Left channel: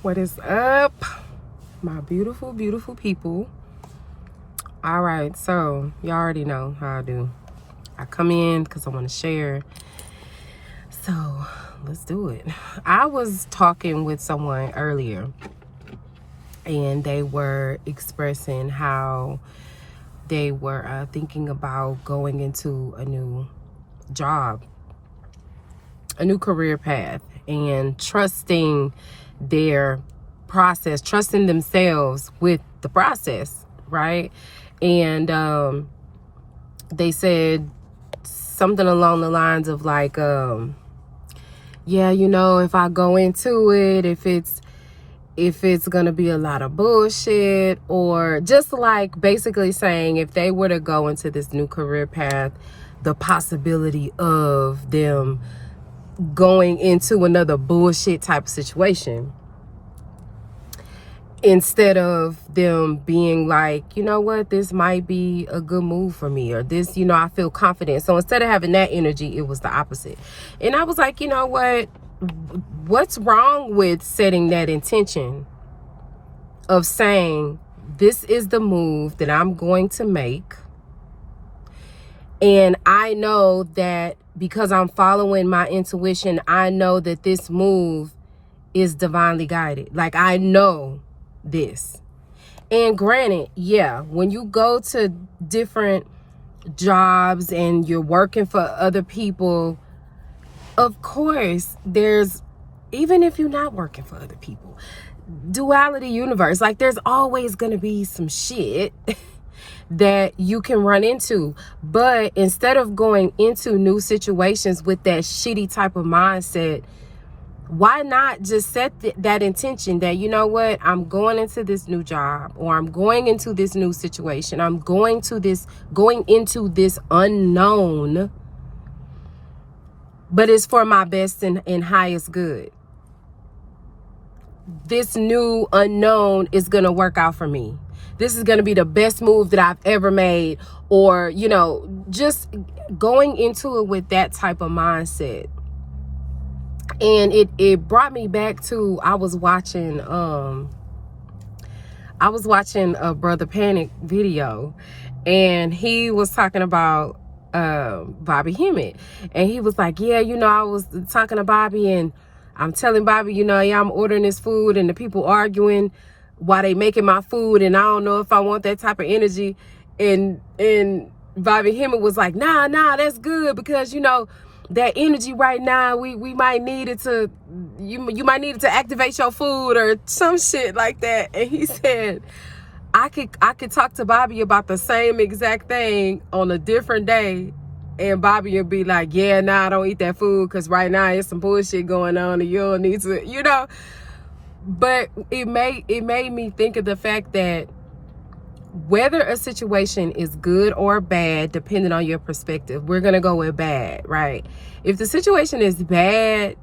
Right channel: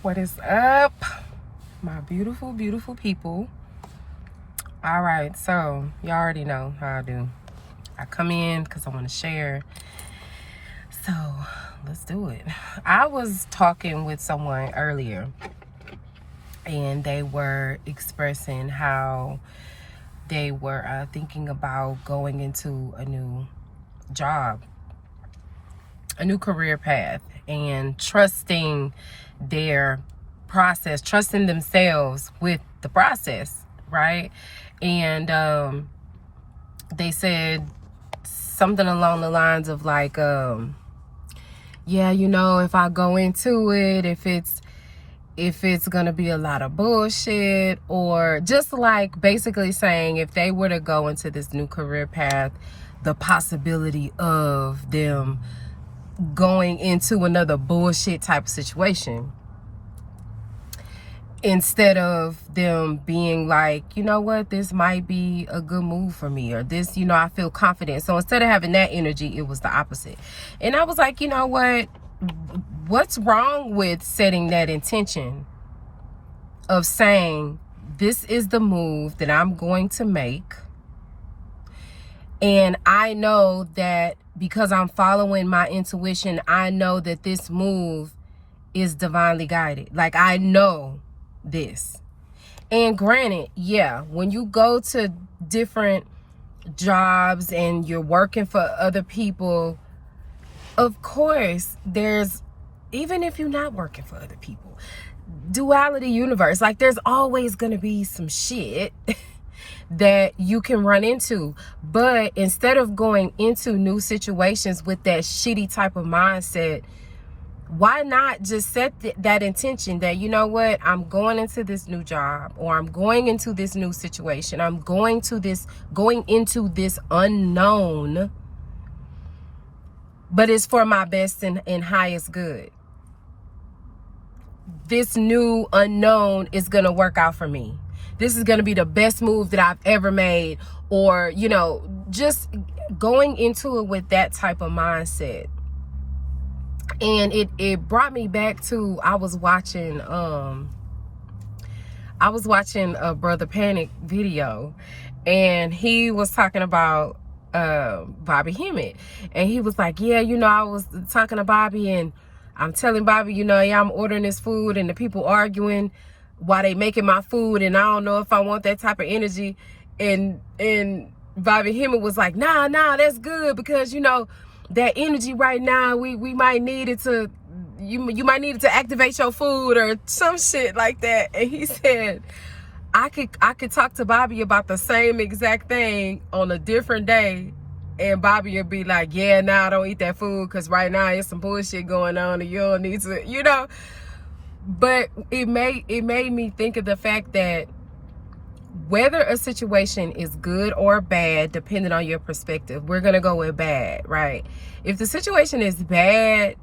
What is up, my beautiful, beautiful people? All right, so y'all already know how I do. I come in because I want to share. So let's do it. I was talking with someone earlier, and they were expressing how they were thinking about going into a new job, a new career path, and trusting their process, trusting themselves with the process, right? And they said something along the lines of like, yeah, you know, if I go into it, if it's gonna be a lot of bullshit, or just like basically saying if they were to go into this new career path, the possibility of them going into another bullshit type of situation, instead of them being like, you know what, this might be a good move for me, or this, you know, I feel confident. So instead of having that energy, it was the opposite. And I was like, you know what's wrong with setting that intention of saying, this is the move that I'm going to make, and I know that because I'm following my intuition, I know that this move is divinely guided. Like, I know this. And granted, yeah, when you go to different jobs and you're working for other people, of course, there's, even if you're not working for other people, duality universe, like there's always going to be some shit that you can run into. But instead of going into new situations with that shitty type of mindset, why not just set that intention that, you know what, I'm going into this new job, or I'm going into this new situation, I'm going into this unknown, but it's for my best and highest good. This new unknown is gonna work out for me. This is gonna be the best move that I've ever made. Or, you know, just going into it with that type of mindset. And it brought me back to, I was watching a Brother Panic video, and he was talking about Bobby Hemmett, and he was like, yeah, you know, I was talking to Bobby, and I'm telling Bobby, you know, yeah, I'm ordering this food, and the people arguing while they making my food, and I don't know if I want that type of energy. And Bobby Hemmett was like, nah, that's good, because, you know, that energy right now, we might need it to, you might need it to activate your food or some shit like that. And he said, I could talk to Bobby about the same exact thing on a different day, and Bobby would be like, yeah, nah, I don't eat that food because right now it's some bullshit going on and you don't need to, you know. But it made me think of the fact that whether a situation is good or bad, depending on your perspective, we're gonna go with bad, right? If the situation is bad,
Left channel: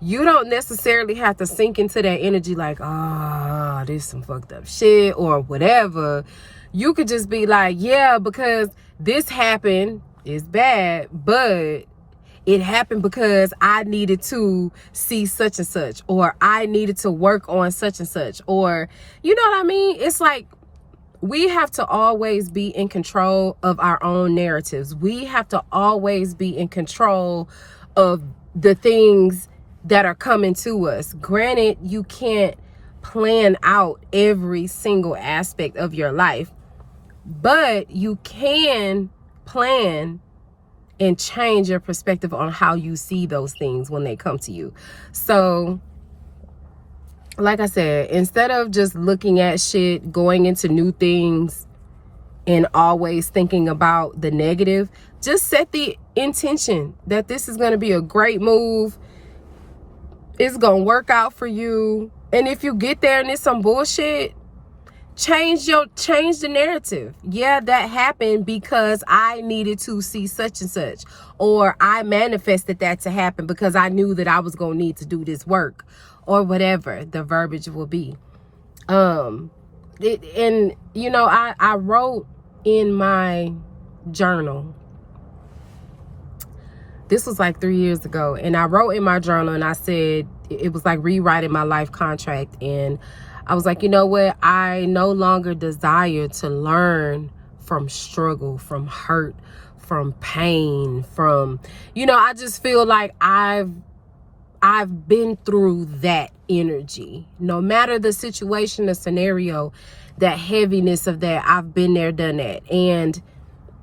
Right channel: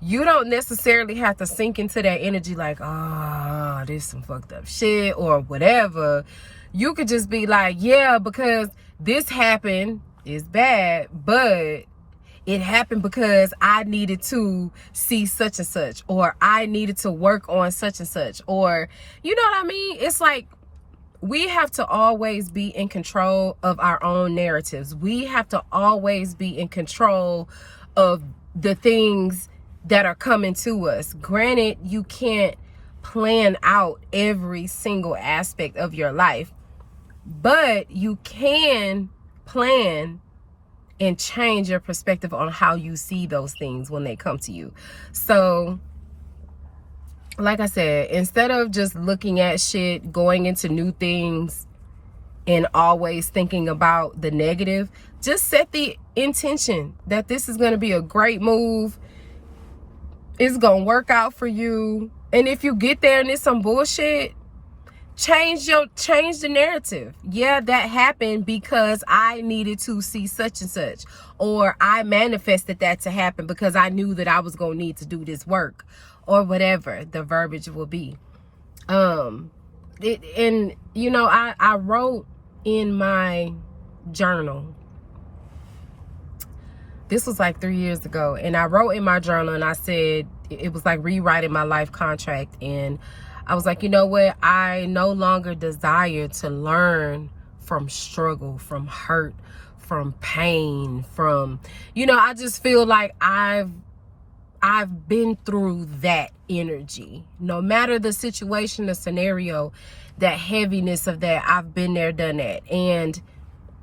you don't necessarily have to sink into that energy like, oh, this is some fucked up shit or whatever. You could just be like, yeah, because this happened, it's bad, but it happened because I needed to see such and such, or I needed to work on such and such, or, you know what I mean? It's like, we have to always be in control of our own narratives. We have to always be in control of the things that are coming to us. Granted, you can't plan out every single aspect of your life, but you can plan and change your perspective on how you see those things when they come to you. So, like I said, instead of just looking at shit, going into new things, and always thinking about the negative, just set the intention that this is going to be a great move. It's going to work out for you. And if you get there and it's some bullshit, change the narrative. Yeah, that happened because I needed to see such and such, or I manifested that to happen because I knew that I was going to need to do this work, or whatever the verbiage will be. And you know, I wrote in my journal This was like 3 years ago. And I wrote in my journal and I said, it was like rewriting my life contract. And I was like, you know what? I no longer desire to learn from struggle, from hurt, from pain, from, you know, I just feel like I've been through that energy. No matter the situation, the scenario, that heaviness of that, I've been there, done that. And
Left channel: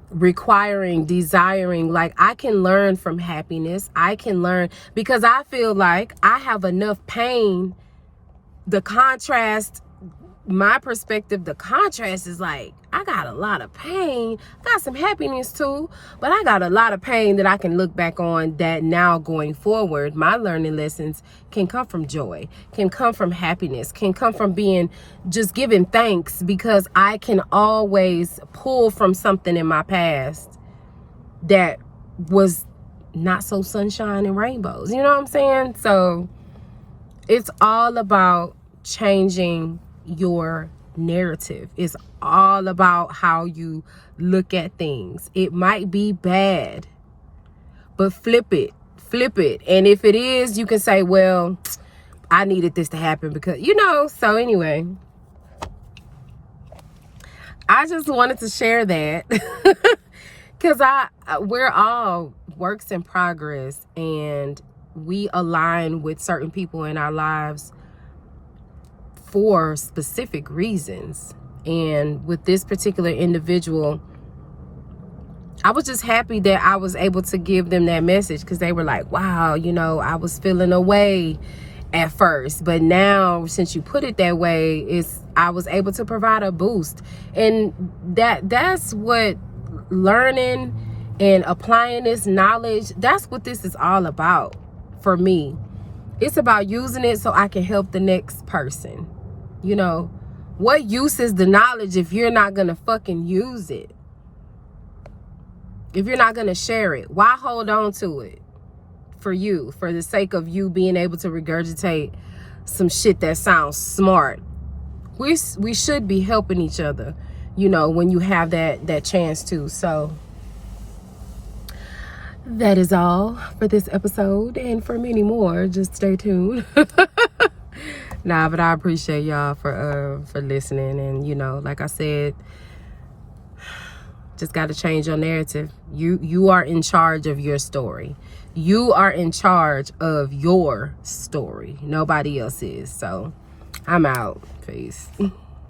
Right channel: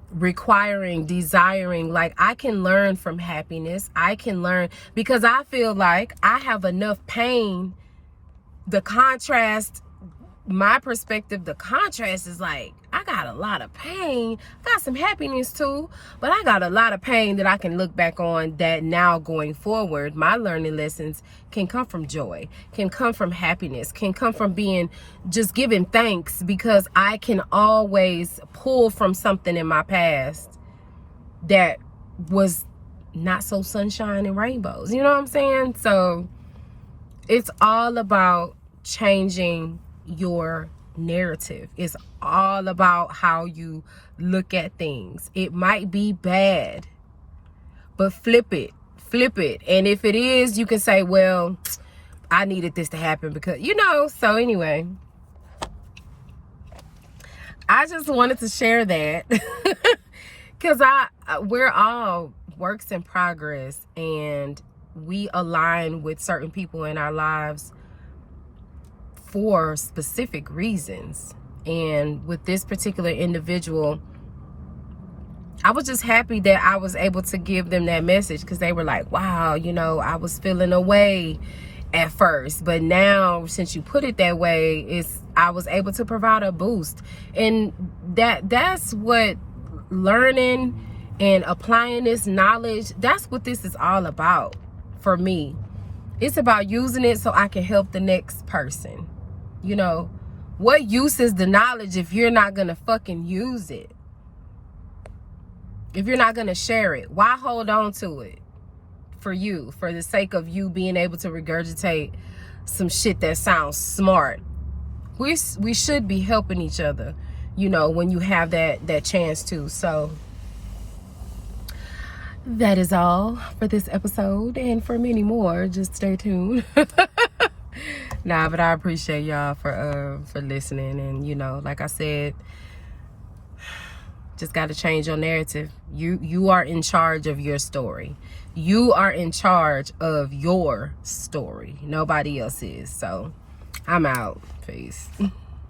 requiring, desiring, like I can learn from happiness. I can learn because I feel like I have enough pain. The contrast, my perspective, the contrast is like, I got a lot of pain, got some happiness too, but I got a lot of pain that I can look back on that now going forward, my learning lessons can come from joy, can come from happiness, can come from being just giving thanks, because I can always pull from something in my past that was not so sunshine and rainbows. You know what I'm saying? So it's all about changing your narrative. It's all about how you look at things. It might be bad, but flip it. And if it is, you can say, well, I needed this to happen because, you know. So anyway, I just wanted to share that because we're all works in progress, and we align with certain people in our lives for specific reasons. And with this particular individual, I was just happy that I was able to give them that message, because they were like, wow, you know, I was feeling away at first, but now since you put it that way, I was able to provide a boost. And that's what learning and applying this knowledge, that's what this is all about for me. It's about using it so I can help the next person. You know, what use is the knowledge if you're not gonna fucking use it? If you're not gonna share it, why hold on to it for you, for the sake of you being able to regurgitate some shit that sounds smart? We should be helping each other, you know, when you have that chance to. So that is all for this episode, and for many more, just stay tuned. Nah, but I appreciate y'all for listening. And, you know, like I said, just got to change your narrative. You are in charge of your story. You are in charge of your story. Nobody else is. So I'm out. Peace.